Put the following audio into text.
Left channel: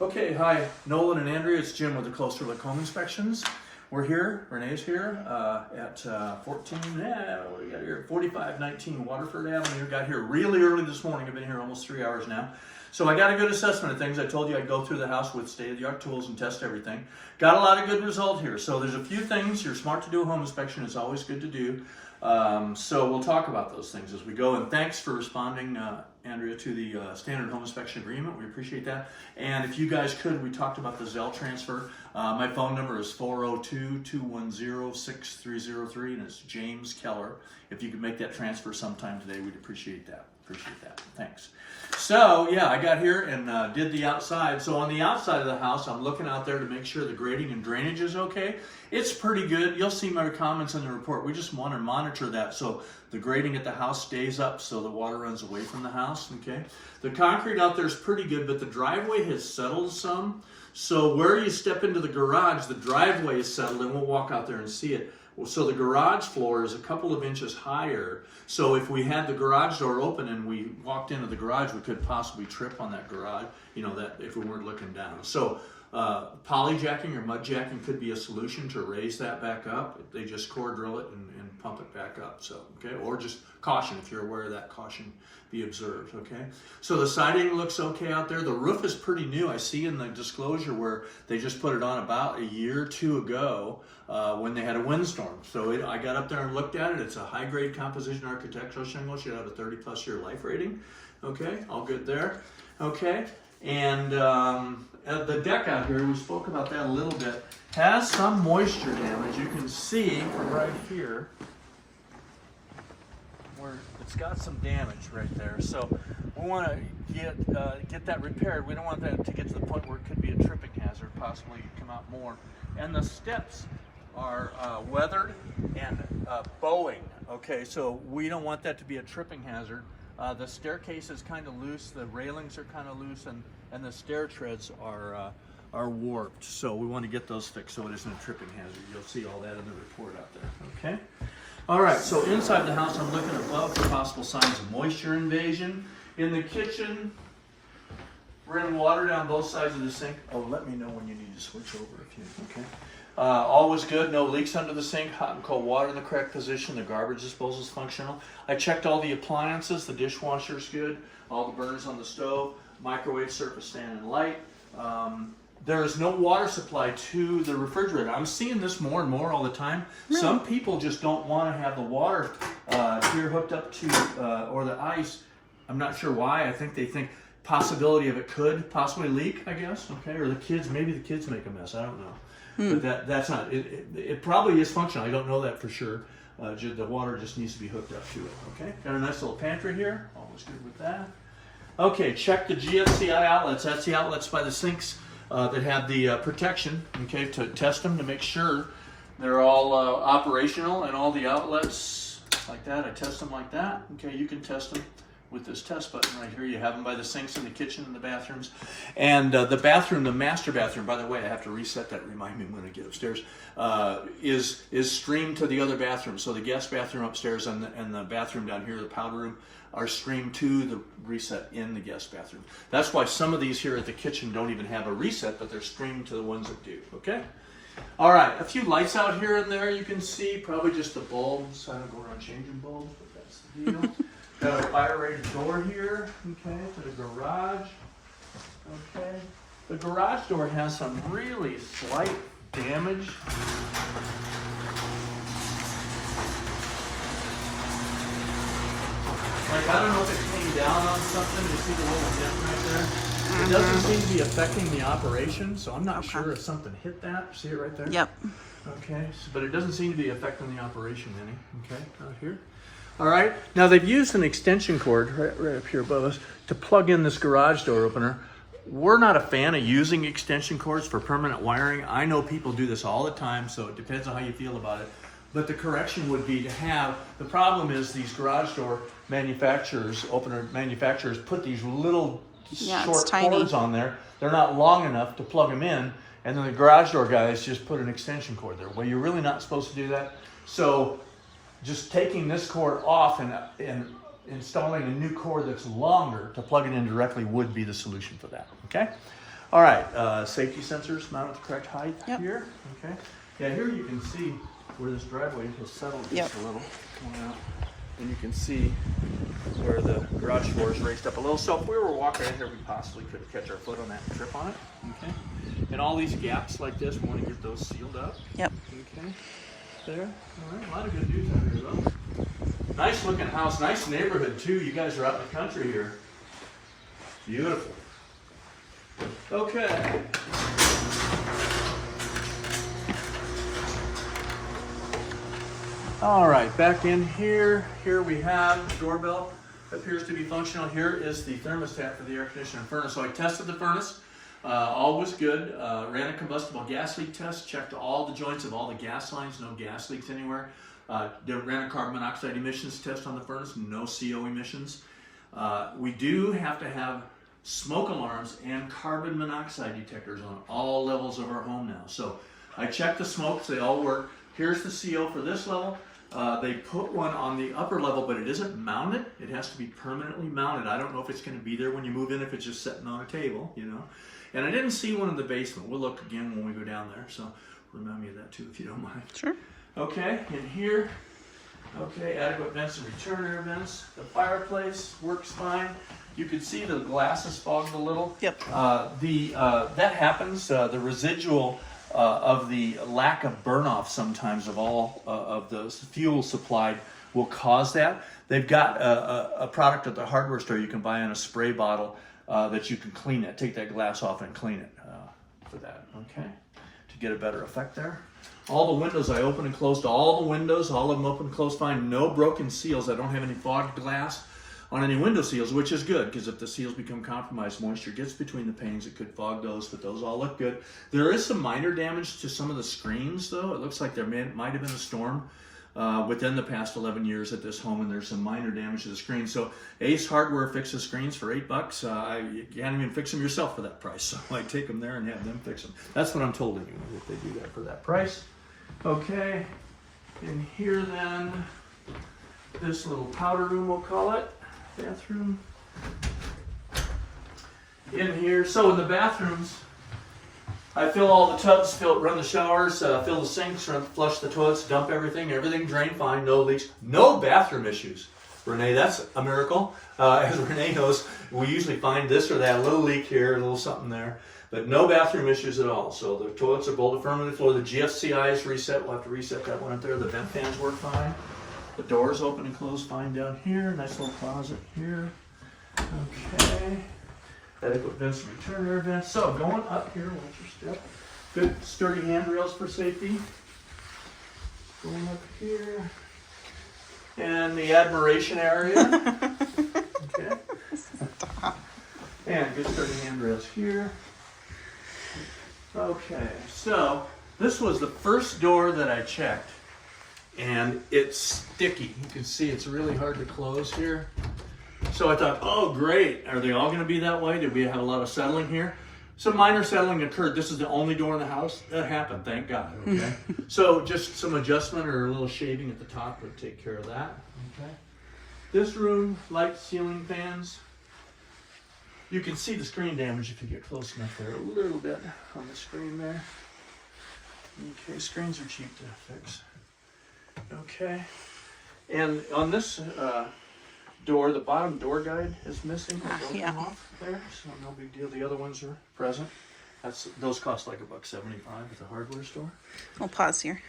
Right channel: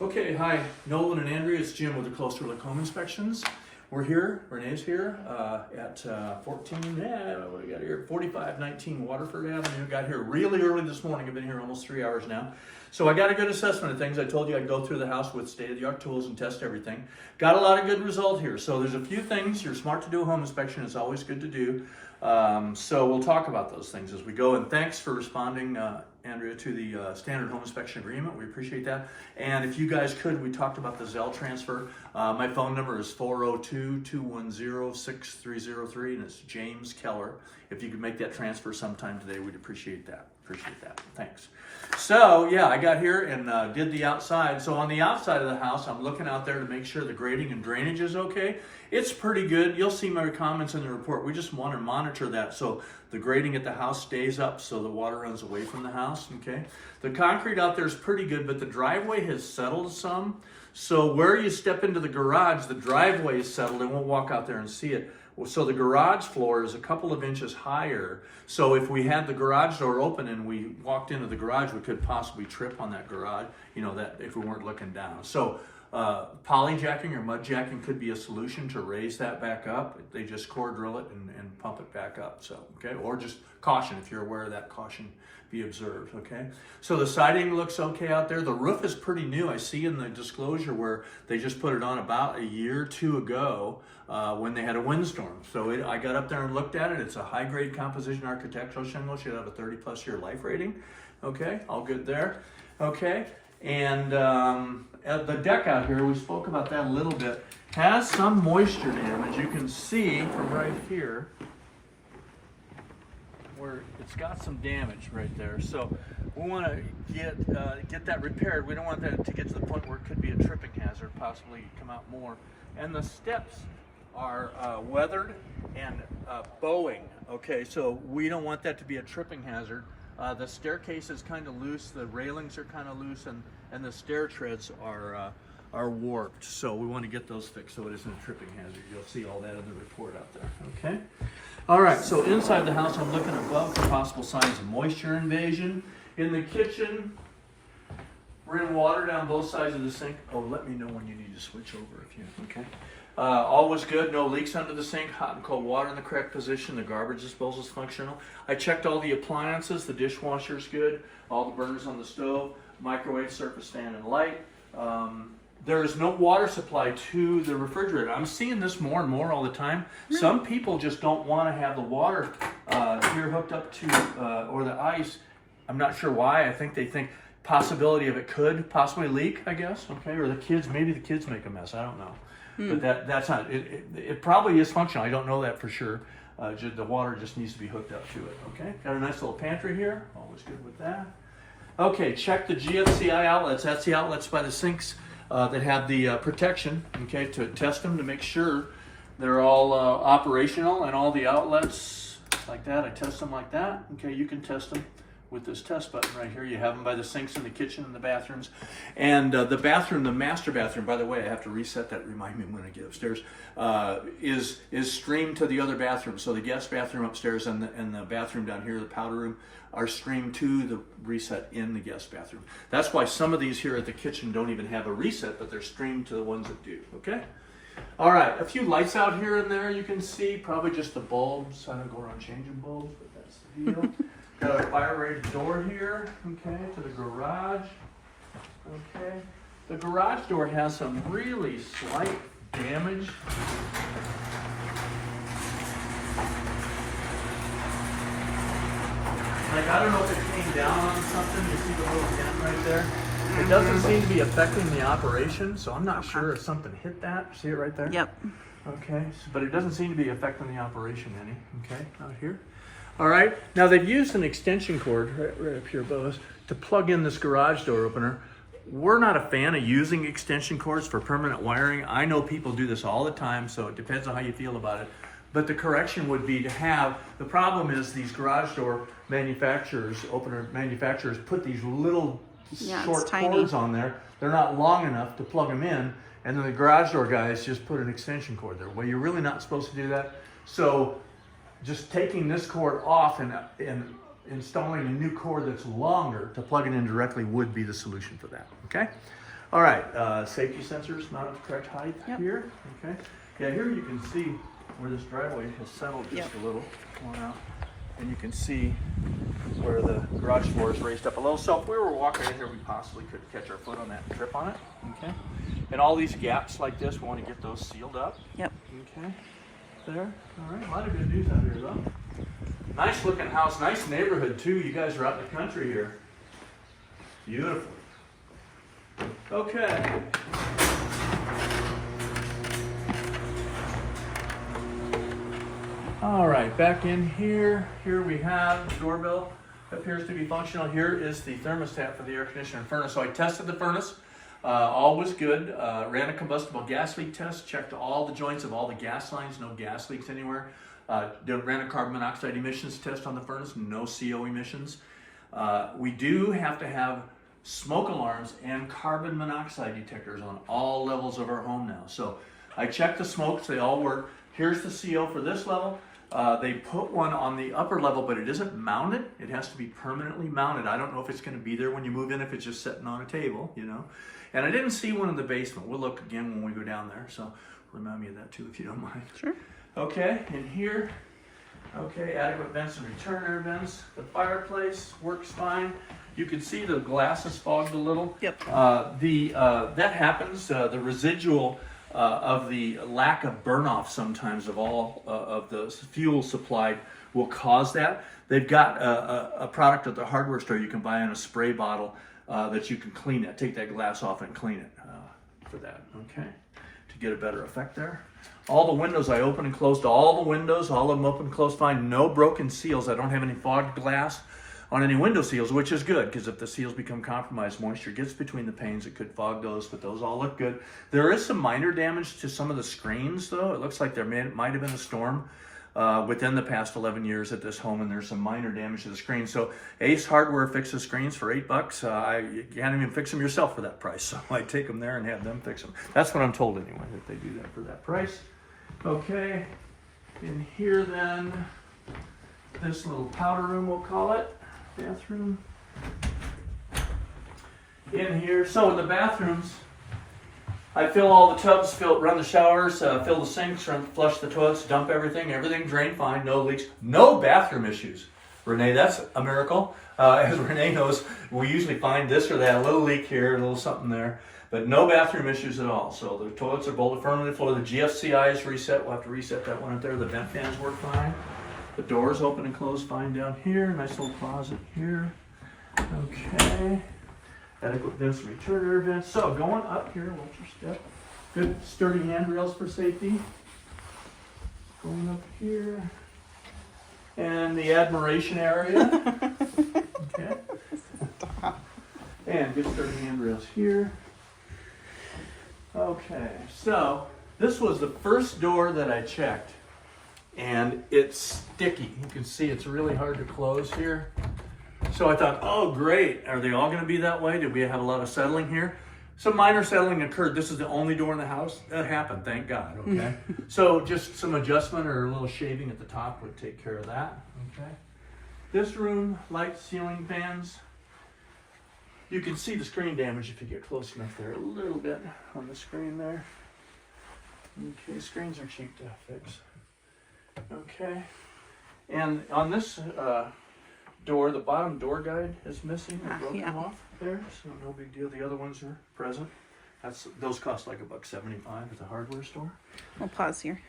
Okay, hi, Nolan and Andrea. It's Jim with the Closer Look Home Inspections. We're here, Renee's here at 4519 Waterford Avenue. Got here really early this morning. I've been here almost 3 hours now. So I got a good assessment of things. I told you I'd go through the house with state-of-the-art tools and test everything. Got a lot of good result here. So there's a few things. You're smart to do a home inspection. It's always good to do. So we'll talk about those things as we go. And thanks for responding, Andrea, to the standard home inspection agreement. We appreciate that. And if you guys could, we talked about the Zelle transfer. My phone number is 402-210-6303, and it's James Keller. If you could make that transfer sometime today, we'd appreciate that. Thanks. So yeah, I got here and did the outside. So on the outside of the house, I'm looking out there to make sure the grading and drainage is okay. It's pretty good. You'll see my comments in the report. We just want to monitor that so the grading at the house stays up so the water runs away from the house, okay? The concrete out there is pretty good, but the driveway has settled some. So where you step into the garage, the driveway is settled, and we'll walk out there and see it. So the garage floor is a couple of inches higher. So if we had the garage door open and we walked into the garage, we could possibly trip on that garage, you know, that if we weren't looking down. So polyjacking or mud jacking could be a solution to raise that back up. They just core drill it and pump it back up. So, okay, or just caution, if you're aware of that, caution be observed, okay? So the siding looks okay out there. The roof is pretty new. I see in the disclosure where they just put it on about a year or two ago when they had a windstorm. So I got up there and looked at it. It's a high-grade composition architectural shingle. Should have a 30-plus year life rating. Okay, all good there. Okay, and the deck out here, we spoke about that a little bit, has some moisture damage. You can see from right here where it's got some damage right there. So we want to get that repaired. We don't want that to get to the point where it could be a tripping hazard, possibly come out more. And the steps are weathered and bowing. Okay, so we don't want that to be a tripping hazard. The staircase is kind of loose, the railings are kind of loose, and the stair treads are warped. So we want to get those fixed so it isn't a tripping hazard. You'll see all that in the report out there, okay? All right, so inside the house, I'm looking above for possible signs of moisture invasion. In the kitchen, we're in water down both sides of the sink. Oh, let me know when you need to switch over if you, okay? All was good, no leaks under the sink, hot and cold water in the correct position, the garbage disposal is functional. I checked all the appliances, the dishwasher's good, all the burners on the stove, microwave, surface fan, and light. There is no water supply to the refrigerator. I'm seeing this more and more all the time. Really? Some people just don't want to have the water here hooked up to, or the ice. I'm not sure why. I think they think possibility of it could possibly leak, I guess, okay? Or the kids, maybe the kids make a mess, I don't know. But that's not, it probably is functional. I don't know that for sure. The water just needs to be hooked up to it, okay? Got a nice little pantry here, always good with that. Okay, check the GFCI outlets. That's the outlets by the sinks that have the protection, okay, to test them to make sure they're all operational, and all the outlets like that, I test them like that. Okay, you can test them with this test button right here. You have them by the sinks in the kitchen and the bathrooms. And the bathroom, the master bathroom, by the way, I have to reset that, remind me when I get upstairs, is streamed to the other bathroom. So the guest bathroom upstairs and the bathroom down here, the powder room, are streamed to the reset in the guest bathroom. That's why some of these here at the kitchen don't even have a reset, but they're streamed to the ones that do, okay? All right, a few lights out here and there you can see, probably just the bulbs. I don't go around changing bulbs, but that's the deal. Got a fire rated door here, okay, to the garage, okay. The garage door has some really slight damage. Like, I don't know if it came down on something. You see the little dent right there? It doesn't seem to be affecting the operation, so I'm not sure if something hit that. See it right there? Yep. Okay, but it doesn't seem to be affecting the operation any, okay, out here. All right, now they've used an extension cord right up here above us to plug in this garage door opener. We're not a fan of using extension cords for permanent wiring. I know people do this all the time, so it depends on how you feel about it. But the correction would be to have, the problem is these garage door manufacturers, opener manufacturers, put these little short cords on there. They're not long enough to plug them in, and then the garage door guys just put an extension cord there. Well, you're really not supposed to do that. So just taking this cord off and installing a new cord that's longer to plug it in directly would be the solution for that, okay? All right, safety sensors mount at the correct height here, okay? Yeah, here you can see where this driveway has settled just a little. Come on out. And you can see where the garage floor is raised up a little. So if we were walking in here, we possibly could catch our foot on that and trip on it, okay? And all these gaps like this, we want to get those sealed up. Yep. Okay, there. All right, a lot of good news out here though. Nice looking house, nice neighborhood too. You guys are out in the country here. Beautiful. Okay. All right, back in here. Here we have the doorbell. Appears to be functional. Here is the thermostat for the air conditioner and furnace. So I tested the furnace. All was good. Ran a combustible gas leak test. Checked all the joints of all the gas lines. No gas leaks anywhere. Ran a carbon monoxide emissions test on the furnace. No CO emissions. We do have to have smoke alarms and carbon monoxide detectors on all levels of our home now. So I checked the smokes. They all work. Here's the CO for this level. They put one on the upper level, but it isn't mounted. It has to be permanently mounted. I don't know if it's going to be there when you move in, if it's just sitting on a table, you know. And I didn't see one in the basement. We'll look again when we go down there. So remind me of that too, if you don't mind. Sure. Okay, and here, okay, adequate vents and return air vents. The fireplace works fine. You can see the glass is fogged a little. Yep. That happens. The residual of the lack of burn-off sometimes of all of the fuel supplied will cause that. They've got a product at the hardware store you can buy in a spray bottle that you can clean it, take that glass off and clean it for that, okay? To get a better effect there. All the windows, I open and closed all the windows, all of them open and closed fine, no broken seals. I don't have any fogged glass on any window seals, which is good, because if the seals become compromised, moisture gets between the panes, it could fog those, but those all look good. There is some minor damage to some of the screens, though. It looks like there might have been a storm within the past 11 years at this home, and there's some minor damage to the screen. So Ace Hardware fixes screens for $8. You can't even fix them yourself for that price, so I take them there and have them fix them. That's what I'm told anyway, that they do that for that price. Okay, in here then, this little powder room, we'll call it. Bathroom in here. So in the bathrooms, I fill all the tubs, run the showers, fill the sinks, flush the toilets, dump everything drained fine, no leaks, no bathroom issues. Renee, that's a miracle. As Renee knows, we usually find this or that, a little leak here, a little something there, but no bathroom issues at all. So the toilets are bolted firmly to the floor. The GFCI is reset. We'll have to reset that one up there. The vent fans work fine. The doors open and close fine down here. Nice little closet here. Okay. Adequate vents and return air vents. So going up here, watch your step. Good sturdy handrails for safety. Going up here. And the admiration area. Okay. And good sturdy handrails here. Okay, so this was the first door that I checked. And it's sticky. You can see it's really hard to close here. So I thought, oh great, are they all gonna be that way? Did we have a lot of settling here? Some minor settling occurred. This is the only door in the house. That happened, thank God, okay? So just some adjustment or a little shaving at the top would take care of that, okay? This room, light ceiling fans. You can see the screen damage if you get close enough there, a little bit on the screen there. Okay, screens are cheap to fix. Okay, and on this door, the bottom door guide is missing. Yeah. Off there, so no big deal. The other ones are present. Those cost like $1.75 at the hardware store. We'll pause here.